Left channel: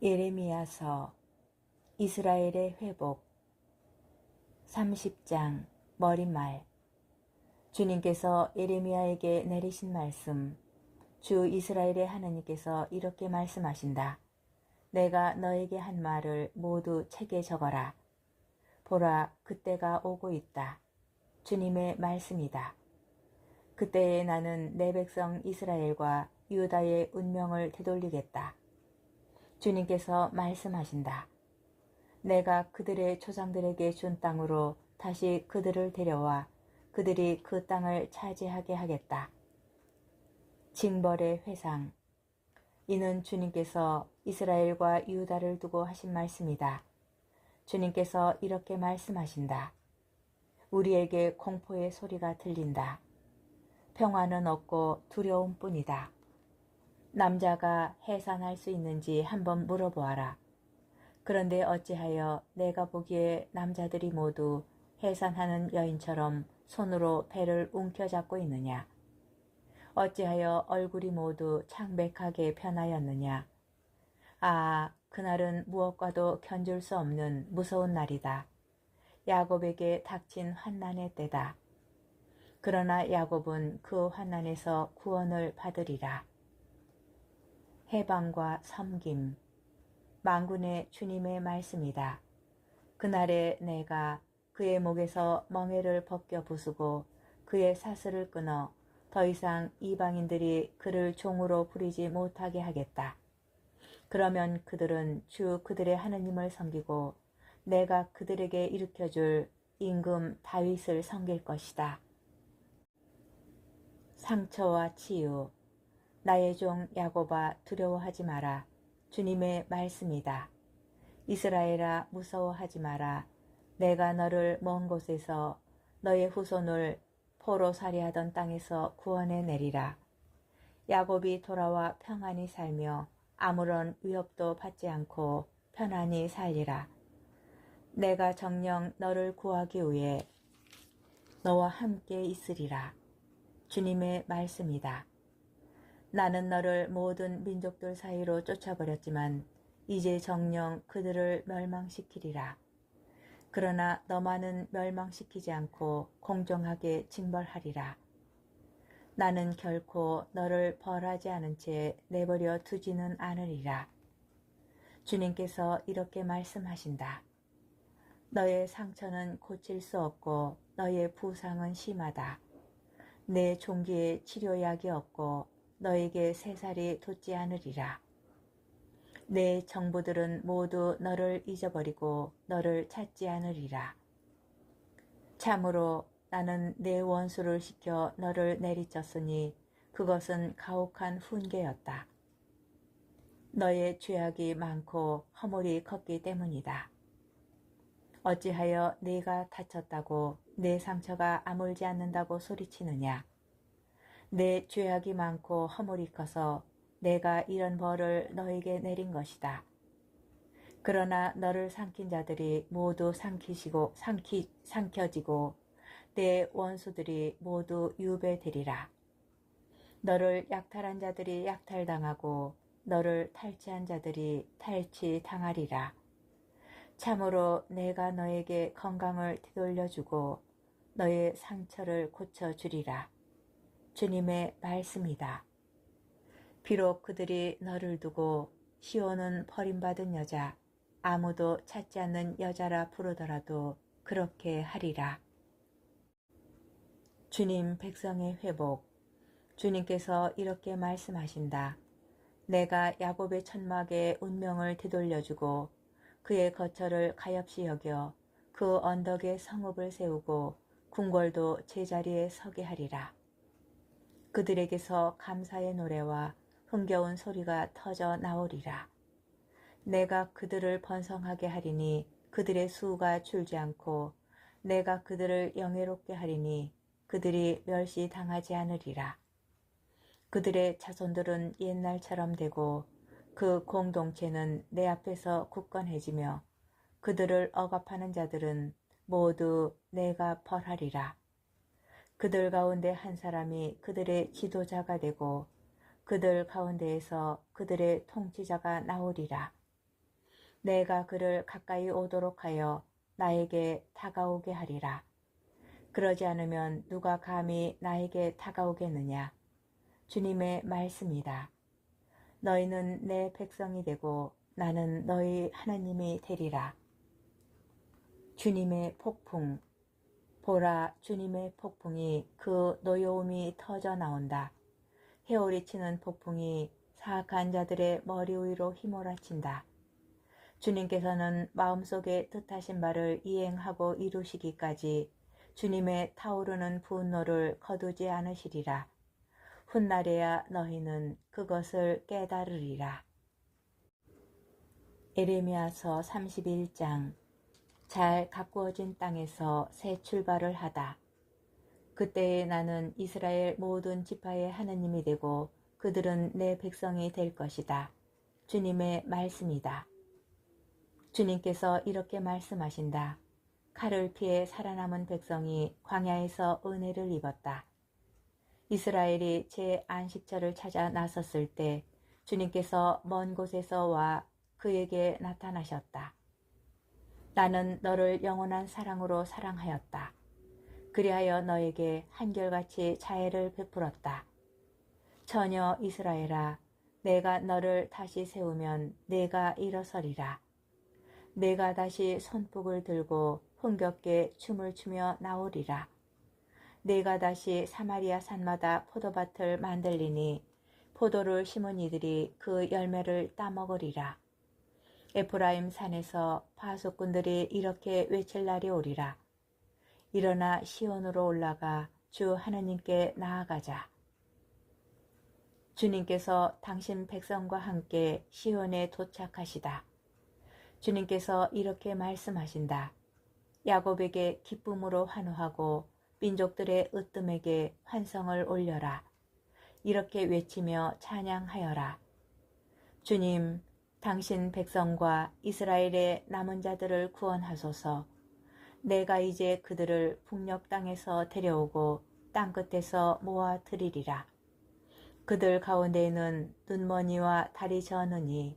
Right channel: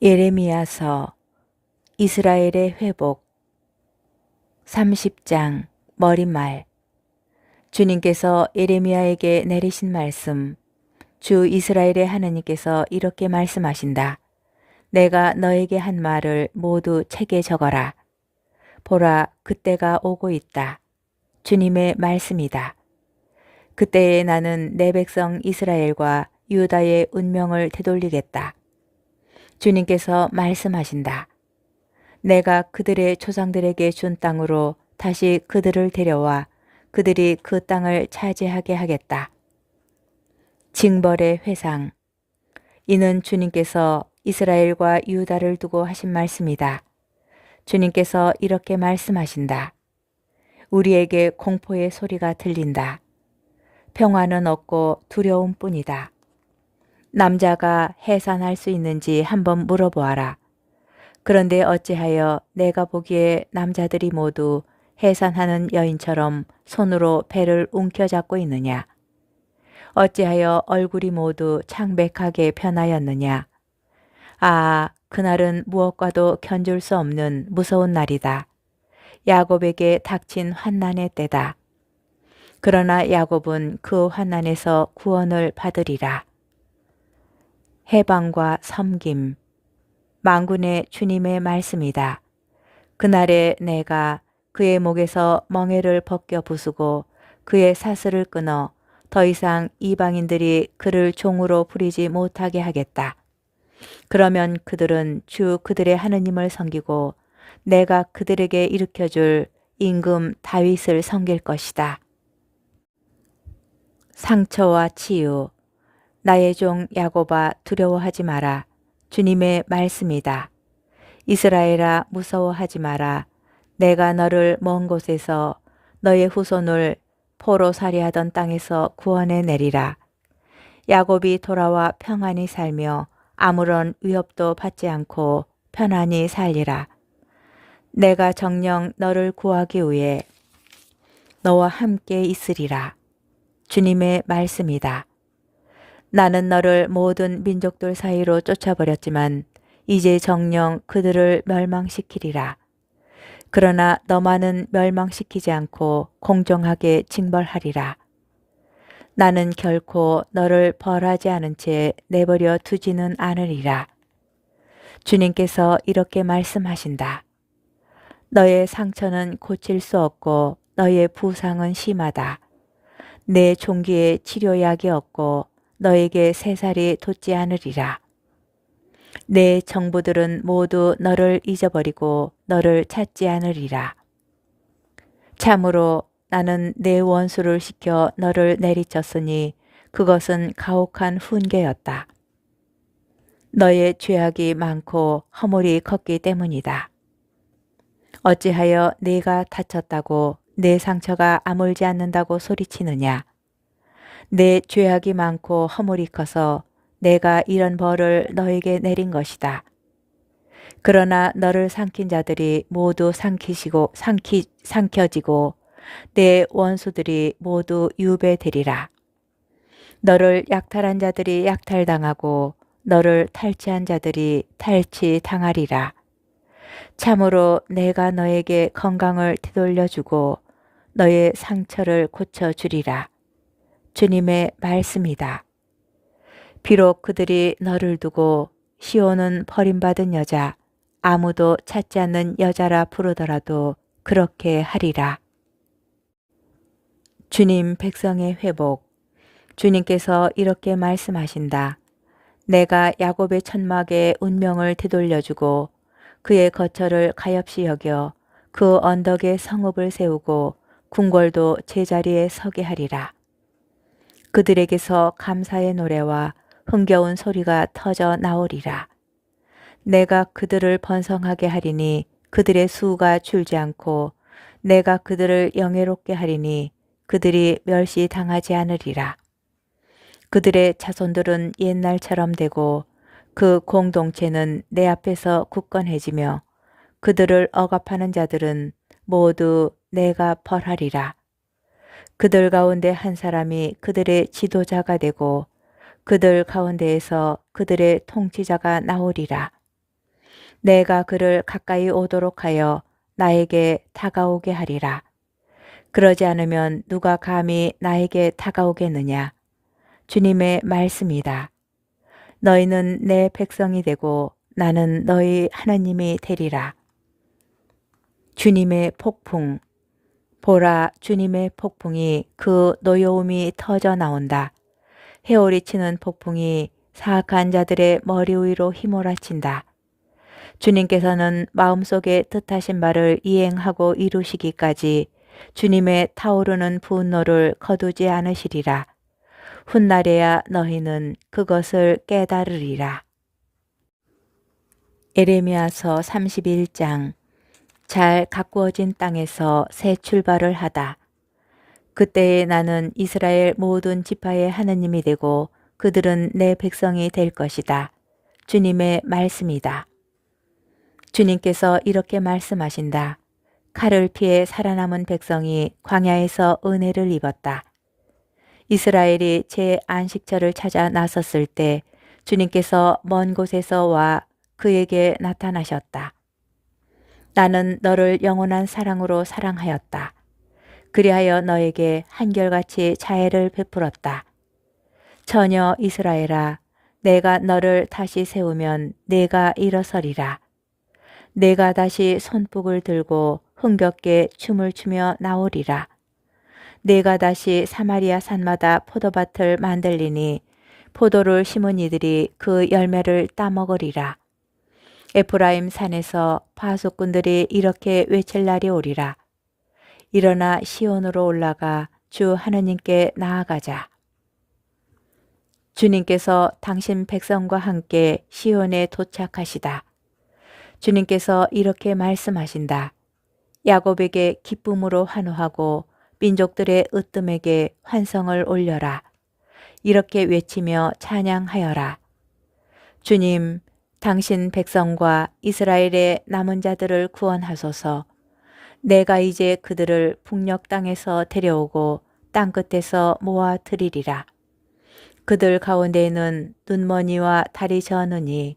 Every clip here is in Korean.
예레미야서 이스라엘의 회복 30장 머릿말. 주님께서 예레미야에게 내리신 말씀. 주 이스라엘의 하나님께서 이렇게 말씀하신다. 내가 너에게 한 말을 모두 책에 적어라. 보라, 그때가 오고 있다. 주님의 말씀이다. 그때에 나는 내 백성 이스라엘과 유다의 운명을 되돌리겠다. 주님께서 말씀하신다. 내가 그들의 조상들에게 준 땅으로 다시 그들을 데려와 그들이 그 땅을 차지하게 하겠다. 징벌의 회상. 이는 주님께서 이스라엘과 유다를 두고 하신 말씀이다. 주님께서 이렇게 말씀하신다. 우리에게 공포의 소리가 들린다. 평화는 없고 두려움뿐이다. 남자가 해산할 수 있는지 한번 물어보아라. 그런데 어찌하여 내가 보기에 남자들이 모두 해산하는 여인처럼 손으로 배를 움켜잡고 있느냐? 어찌하여 얼굴이 모두 창백하게 변하였느냐? 아, 그날은 무엇과도 견줄 수 없는 무서운 날이다. 야곱에게 닥친 환난의 때다. 그러나 야곱은 그 환난에서 구원을 받으리라. 해방과 섬김. 만군의 주님의 말씀이다. 그날에 내가 그의 목에서 멍에를 벗겨 부수고 그의 사슬을 끊어 더 이상 이방인들이 그를 종으로 부리지 못하게 하겠다. 그러면 그들은 주 그들의 하느님을 섬기고 내가 그들에게 일으켜줄 임금 다윗을 섬길 것이다. 상처와 치유. 나의 종 야곱아, 두려워하지 마라. 주님의 말씀이다. 이스라엘아, 무서워하지 마라. 내가 너를 먼 곳에서 너의 후손을 포로 살이하던 땅에서 구원해 내리라. 야곱이 돌아와 평안히 살며 아무런 위협도 받지 않고 편안히 살리라. 내가 정녕 너를 구하기 위해 너와 함께 있으리라. 주님의 말씀이다. 나는 너를 모든 민족들 사이로 쫓아버렸지만 이제 정녕 그들을 멸망시키리라. 그러나 너만은 멸망시키지 않고 공정하게 징벌하리라. 나는 결코 너를 벌하지 않은 채 내버려 두지는 않으리라. 주님께서 이렇게 말씀하신다. 너의 상처는 고칠 수 없고 너의 부상은 심하다. 내 종기에 치료약이 없고 너에게 새살이 돋지 않으리라. 내 정부들은 모두 너를 잊어버리고 너를 찾지 않으리라. 참으로 나는 내 원수를 시켜 너를 내리쳤으니 그것은 가혹한 훈계였다. 너의 죄악이 많고 허물이 컸기 때문이다. 어찌하여 네가 다쳤다고 내 상처가 아물지 않는다고 소리치느냐? 내 죄악이 많고 허물이 커서 내가 이런 벌을 너에게 내린 것이다. 그러나 너를 삼킨 자들이 모두 삼켜지고 내 원수들이 모두 유배되리라. 너를 약탈한 자들이 약탈당하고 너를 탈취한 자들이 탈취당하리라. 참으로 내가 너에게 건강을 되돌려주고 너의 상처를 고쳐주리라. 주님의 말씀이다. 비록 그들이 너를 두고 시온은 버림받은 여자, 아무도 찾지 않는 여자라 부르더라도 그렇게 하리라. 주님 백성의 회복. 주님께서 이렇게 말씀하신다. 내가 야곱의 천막의 운명을 되돌려주고 그의 거처를 가엾이 여겨 그 언덕에 성읍을 세우고 궁궐도 제자리에 서게 하리라. 그들에게서 감사의 노래와 흥겨운 소리가 터져 나오리라. 내가 그들을 번성하게 하리니 그들의 수가 줄지 않고 내가 그들을 영예롭게 하리니 그들이 멸시당하지 않으리라. 그들의 자손들은 옛날처럼 되고 그 공동체는 내 앞에서 굳건해지며 그들을 억압하는 자들은 모두 내가 벌하리라. 그들 가운데 한 사람이 그들의 지도자가 되고 그들 가운데에서 그들의 통치자가 나오리라. 내가 그를 가까이 오도록 하여 나에게 다가오게 하리라. 그러지 않으면 누가 감히 나에게 다가오겠느냐. 주님의 말씀이다. 너희는 내 백성이 되고 나는 너희 하나님이 되리라. 주님의 폭풍. 보라, 주님의 폭풍이 그 노여움이 터져 나온다. 헤오리 치는 폭풍이 사악한 자들의 머리 위로 휘몰아친다. 주님께서는 마음속에 뜻하신 바를 이행하고 이루시기까지 주님의 타오르는 분노를 거두지 않으시리라. 훗날에야 너희는 그것을 깨달으리라. 에레미야서 31장. 잘 가꾸어진 땅에서 새 출발을 하다. 그때에 나는 이스라엘 모든 지파의 하나님이 되고 그들은 내 백성이 될 것이다. 주님의 말씀이다. 주님께서 이렇게 말씀하신다. 칼을 피해 살아남은 백성이 광야에서 은혜를 입었다. 이스라엘이 제 안식처를 찾아 나섰을 때 주님께서 먼 곳에서 와 그에게 나타나셨다. 나는 너를 영원한 사랑으로 사랑하였다. 그리하여 너에게 한결같이 자애를 베풀었다. 처녀 이스라엘아, 내가 너를 다시 세우면 내가 일어서리라. 내가 다시 손뼉을 들고 흥겹게 춤을 추며 나오리라. 내가 다시 사마리아 산마다 포도밭을 만들리니 포도를 심은 이들이 그 열매를 따먹으리라. 에프라임 산에서 파수꾼들이 이렇게 외칠 날이 오리라. 일어나 시온으로 올라가 주 하나님께 나아가자. 주님께서 당신 백성과 함께 시온에 도착하시다. 주님께서 이렇게 말씀하신다. 야곱에게 기쁨으로 환호하고 민족들의 으뜸에게 환성을 올려라. 이렇게 외치며 찬양하여라. 주님, 당신 백성과 이스라엘의 남은 자들을 구원하소서. 내가 이제 그들을 북녘 땅에서 데려오고 땅끝에서 모아들이리라. 그들 가운데에는 눈머니와 다리 저느니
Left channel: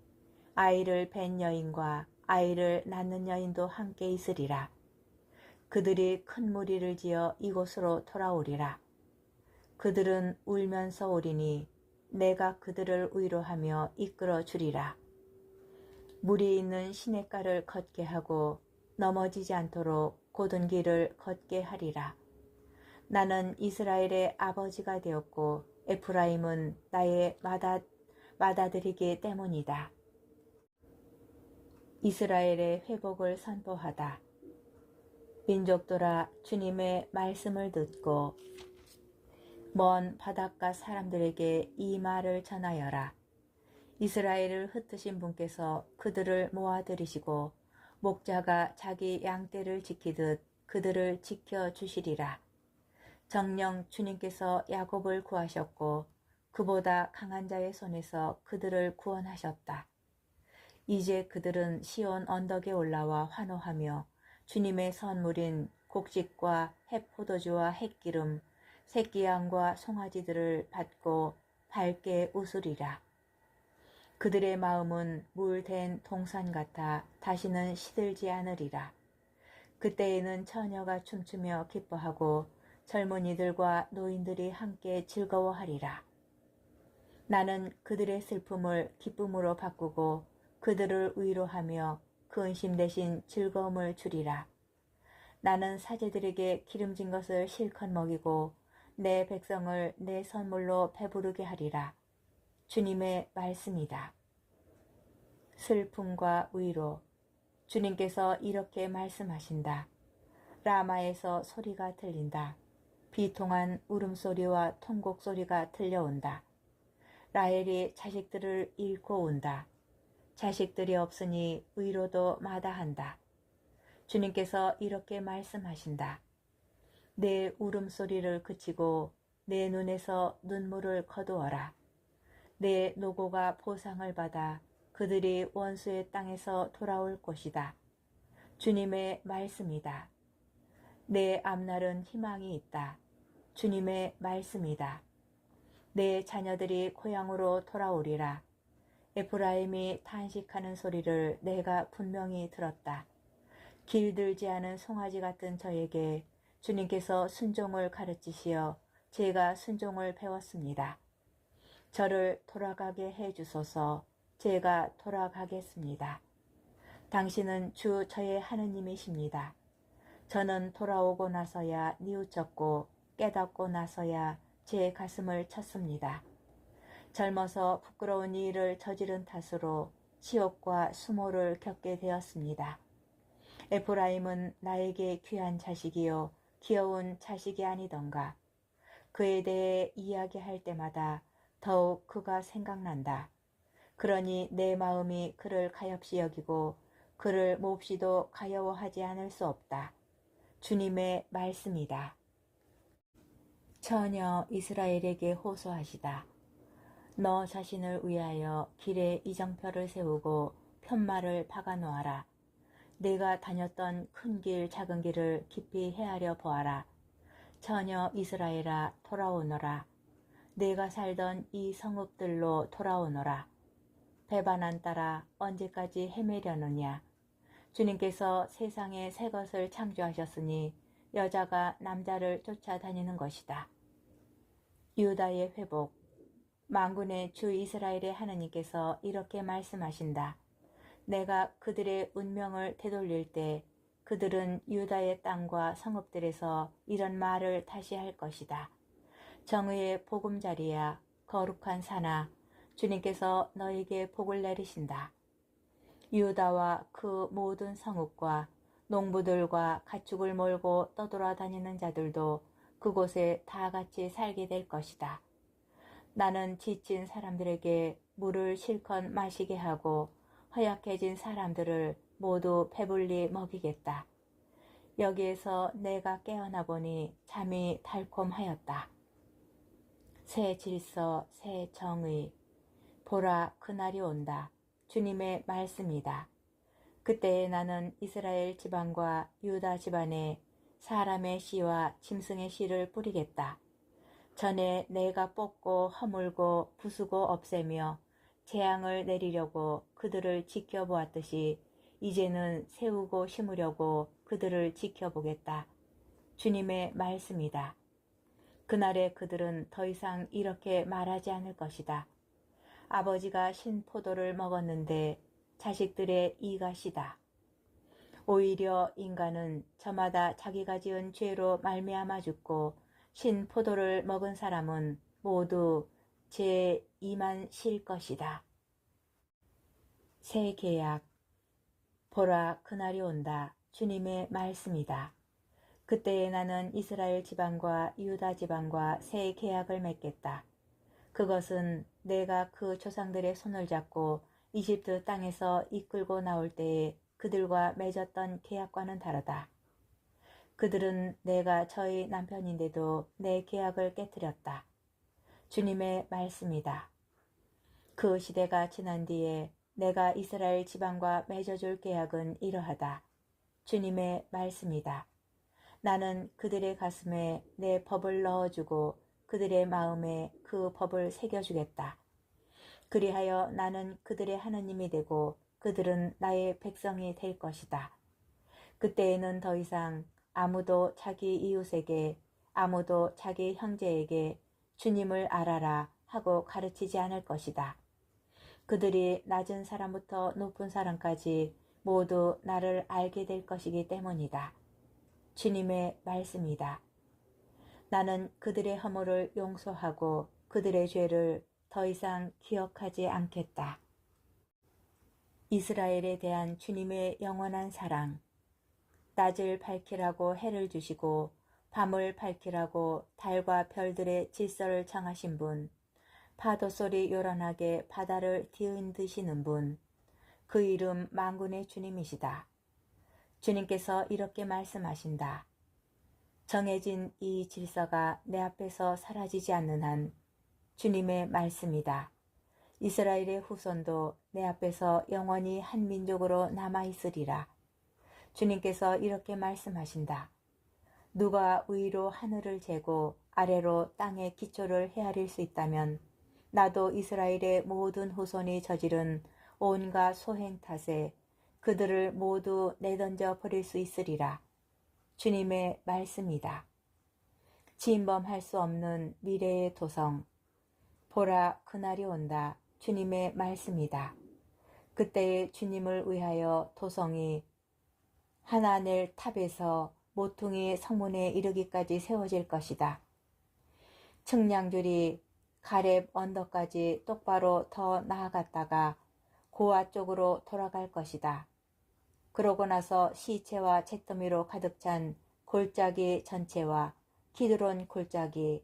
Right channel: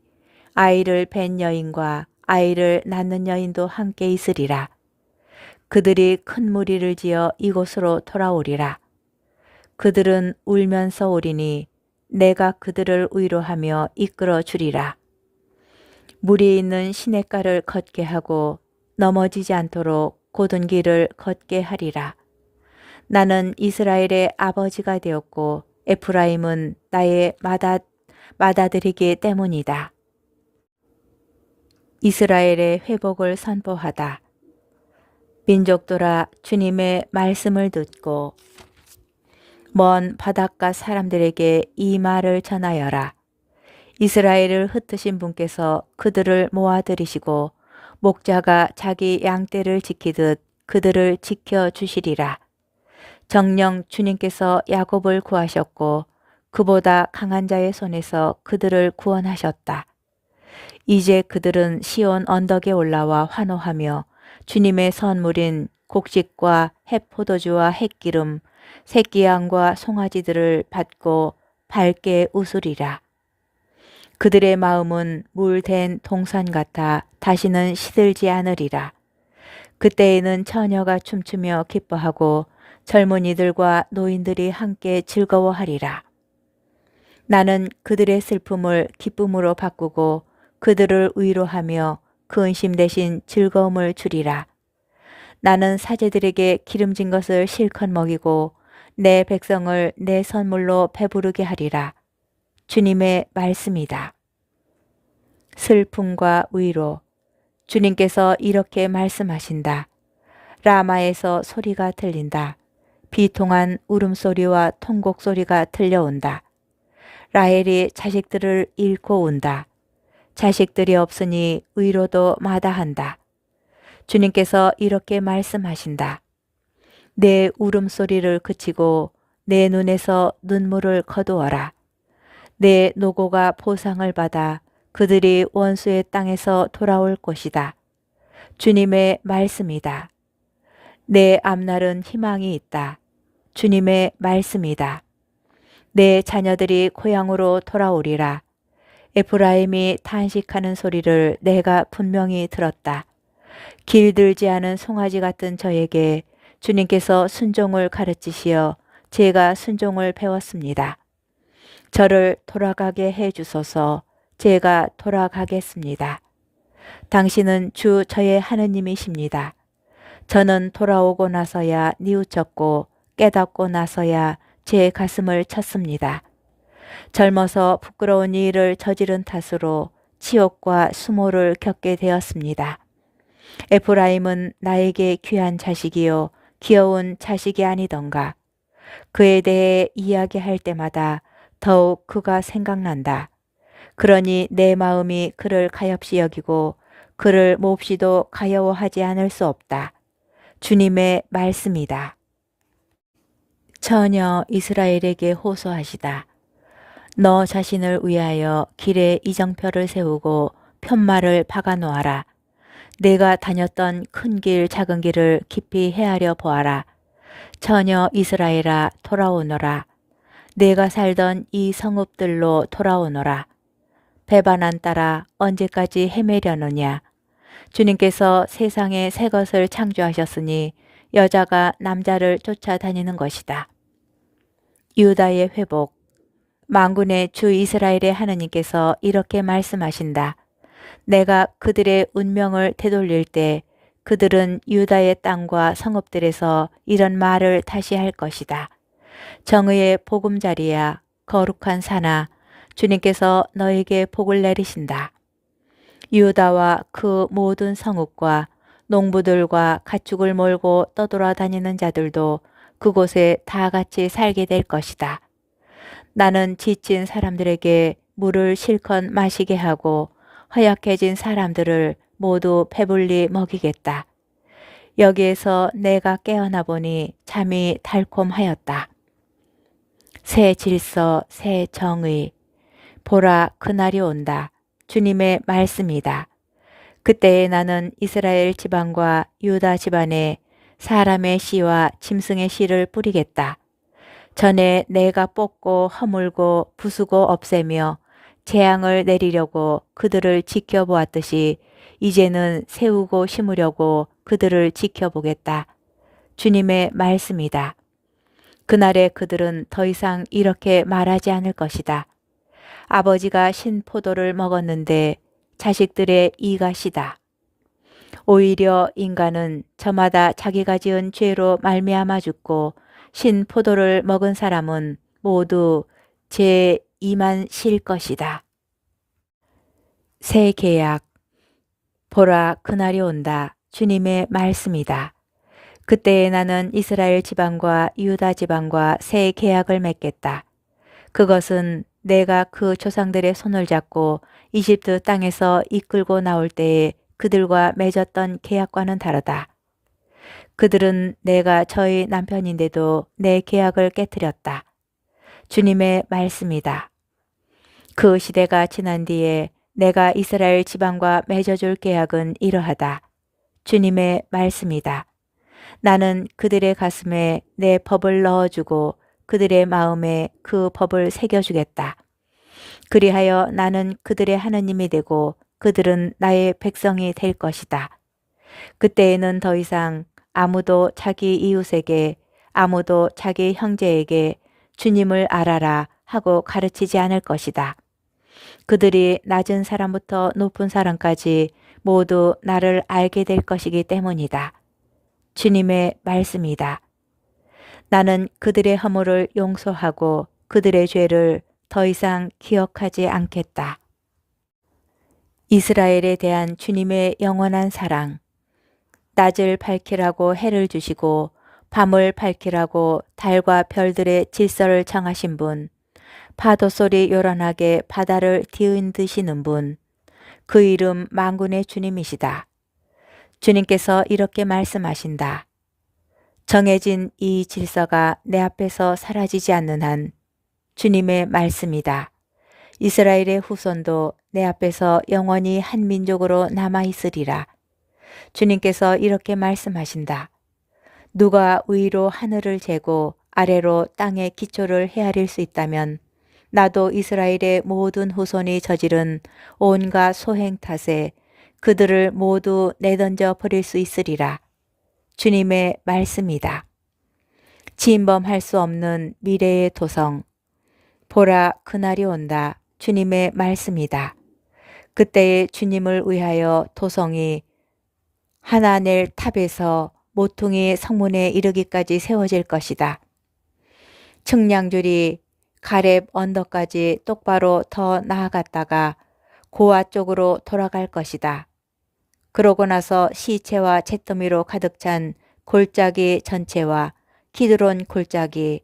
아이를 뵌 여인과 아이를 낳는 여인도 함께 있으리라. 그들이 큰 무리를 지어 이곳으로 돌아오리라. 그들은 울면서 오리니 내가 그들을 위로하며 이끌어 주리라. 물이 있는 시냇가를 걷게 하고 넘어지지 않도록 곧은 길을 걷게 하리라. 나는 이스라엘의 아버지가 되었고 에프라임은 나의 맏아들이기 때문이다. 이스라엘의 회복을 선포하다. 민족들아, 주님의 말씀을 듣고 먼 바닷가 사람들에게 이 말을 전하여라. 이스라엘을 흩으신 분께서 그들을 모아들이시고 목자가 자기 양떼를 지키듯 그들을 지켜주시리라. 정녕 주님께서 야곱을 구하셨고 그보다 강한 자의 손에서 그들을 구원하셨다. 이제 그들은 시온 언덕에 올라와 환호하며 주님의 선물인 곡식과 햇포도주와 햇기름, 새끼양과 송아지들을 받고 밝게 웃으리라. 그들의 마음은 물된 동산 같아 다시는 시들지 않으리라. 그때에는 처녀가 춤추며 기뻐하고 젊은이들과 노인들이 함께 즐거워하리라. 나는 그들의 슬픔을 기쁨으로 바꾸고 그들을 위로하며 근심 대신 즐거움을 주리라. 나는 사제들에게 기름진 것을 실컷 먹이고 내 백성을 내 선물로 배부르게 하리라. 주님의 말씀이다. 슬픔과 위로. 주님께서 이렇게 말씀하신다. 라마에서 소리가 들린다. 비통한 울음소리와 통곡소리가 들려온다. 라헬이 자식들을 잃고 온다. 자식들이 없으니 위로도 마다한다. 주님께서 이렇게 말씀하신다. 내 울음소리를 그치고 내 눈에서 눈물을 거두어라. 내 노고가 보상을 받아 그들이 원수의 땅에서 돌아올 것이다. 주님의 말씀이다. 내 앞날은 희망이 있다. 주님의 말씀이다. 내 자녀들이 고향으로 돌아오리라. 에프라임이 탄식하는 소리를 내가 분명히 들었다. 길들지 않은 송아지 같은 저에게 주님께서 순종을 가르치시어 제가 순종을 배웠습니다. 저를 돌아가게 해 주소서. 제가 돌아가겠습니다. 당신은 주 저의 하느님이십니다. 저는 돌아오고 나서야 뉘우쳤고 깨닫고 나서야 제 가슴을 쳤습니다. 젊어서 부끄러운 일을 저지른 탓으로 치욕과 수모를 겪게 되었습니다. 에프라임은 나에게 귀한 자식이요 귀여운 자식이 아니던가. 그에 대해 이야기할 때마다 더욱 그가 생각난다. 그러니 내 마음이 그를 가엾이 여기고 그를 몹시도 가여워하지 않을 수 없다. 주님의 말씀이다. 처녀 이스라엘에게 호소하시다. 너 자신을 위하여 길에 이정표를 세우고 편말을 박아 놓아라. 내가 다녔던 큰 길 작은 길을 깊이 헤아려 보아라. 처녀 이스라엘아 돌아오너라. 내가 살던 이 성읍들로 돌아오너라. 배반한 딸아 언제까지 헤매려느냐. 주님께서 세상에 새 것을 창조하셨으니 여자가 남자를 쫓아다니는 것이다. 유다의 회복. 만군의 주 이스라엘의 하느님께서 이렇게 말씀하신다. 내가 그들의 운명을 되돌릴 때 그들은 유다의 땅과 성읍들에서 이런 말을 다시 할 것이다. 정의의 보금자리야 거룩한 산아 주님께서 너에게 복을 내리신다. 유다와 그 모든 성읍과 농부들과 가축을 몰고 떠돌아다니는 자들도 그곳에 다 같이 살게 될 것이다. 나는 지친 사람들에게 물을 실컷 마시게 하고 허약해진 사람들을 모두 배불리 먹이겠다. 여기에서 내가 깨어나 보니 잠이 달콤하였다. 새 질서, 새 정의. 보라, 그날이 온다. 주님의 말씀이다. 그때에 나는 이스라엘 지방과 유다 집안에 사람의 씨와 짐승의 씨를 뿌리겠다. 전에 내가 뽑고 허물고 부수고 없애며 재앙을 내리려고 그들을 지켜보았듯이 이제는 세우고 심으려고 그들을 지켜보겠다. 주님의 말씀이다. 그날에 그들은 더 이상 이렇게 말하지 않을 것이다. 아버지가 신 포도를 먹었는데 자식들의 이가 시다. 오히려 인간은 저마다 자기가 지은 죄로 말미암아 죽고 신 포도를 먹은 사람은 모두 제 이만 실 것이다. 새 계약. 보라 그날이 온다. 주님의 말씀이다. 그때에 나는 이스라엘 지방과 유다 지방과 새 계약을 맺겠다. 그것은 내가 그 조상들의 손을 잡고 이집트 땅에서 이끌고 나올 때에 그들과 맺었던 계약과는 다르다. 그들은 내가 저희 남편인데도 내 계약을 깨뜨렸다. 주님의 말씀이다. 그 시대가 지난 뒤에 내가 이스라엘 지방과 맺어줄 계약은 이러하다. 주님의 말씀이다. 나는 그들의 가슴에 내 법을 넣어주고 그들의 마음에 그 법을 새겨주겠다. 그리하여 나는 그들의 하느님이 되고 그들은 나의 백성이 될 것이다. 그때에는 더 이상 아무도 자기 이웃에게 아무도 자기 형제에게 주님을 알아라 하고 가르치지 않을 것이다. 그들이 낮은 사람부터 높은 사람까지 모두 나를 알게 될 것이기 때문이다. 주님의 말씀이다. 나는 그들의 허물을 용서하고 그들의 죄를 더 이상 기억하지 않겠다. 이스라엘에 대한 주님의 영원한 사랑. 낮을 밝히라고 해를 주시고 밤을 밝히라고 달과 별들의 질서를 정하신 분. 파도 소리 요란하게 바다를 뒤흔드시는 분. 그 이름 만군의 주님이시다. 주님께서 이렇게 말씀하신다. 정해진 이 질서가 내 앞에서 사라지지 않는 한 주님의 말씀이다. 이스라엘의 후손도 내 앞에서 영원히 한 민족으로 남아 있으리라. 주님께서 이렇게 말씀하신다. 누가 위로 하늘을 재고 아래로 땅의 기초를 헤아릴 수 있다면 나도 이스라엘의 모든 후손이 저지른 온갖 소행 탓에 그들을 모두 내던져 버릴 수 있으리라. 주님의 말씀이다. 진범할 수 없는 미래의 도성. 보라, 그날이 온다. 주님의 말씀이다. 그때에 주님을 위하여 도성이 하나넬 탑에서 모퉁이 성문에 이르기까지 세워질 것이다. 측량줄이 가렙 언덕까지 똑바로 더 나아갔다가 고아 쪽으로 돌아갈 것이다. 그러고 나서 시체와 잿더미로 가득 찬 골짜기 전체와 키드론 골짜기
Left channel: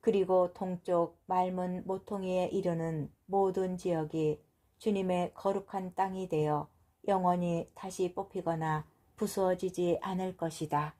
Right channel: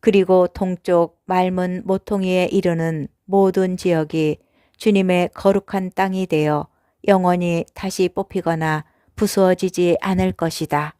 그리고 동쪽 맑은 모퉁이에 이르는 모든 지역이 주님의 거룩한 땅이 되어 영원히 다시 뽑히거나 부수어지지 않을 것이다.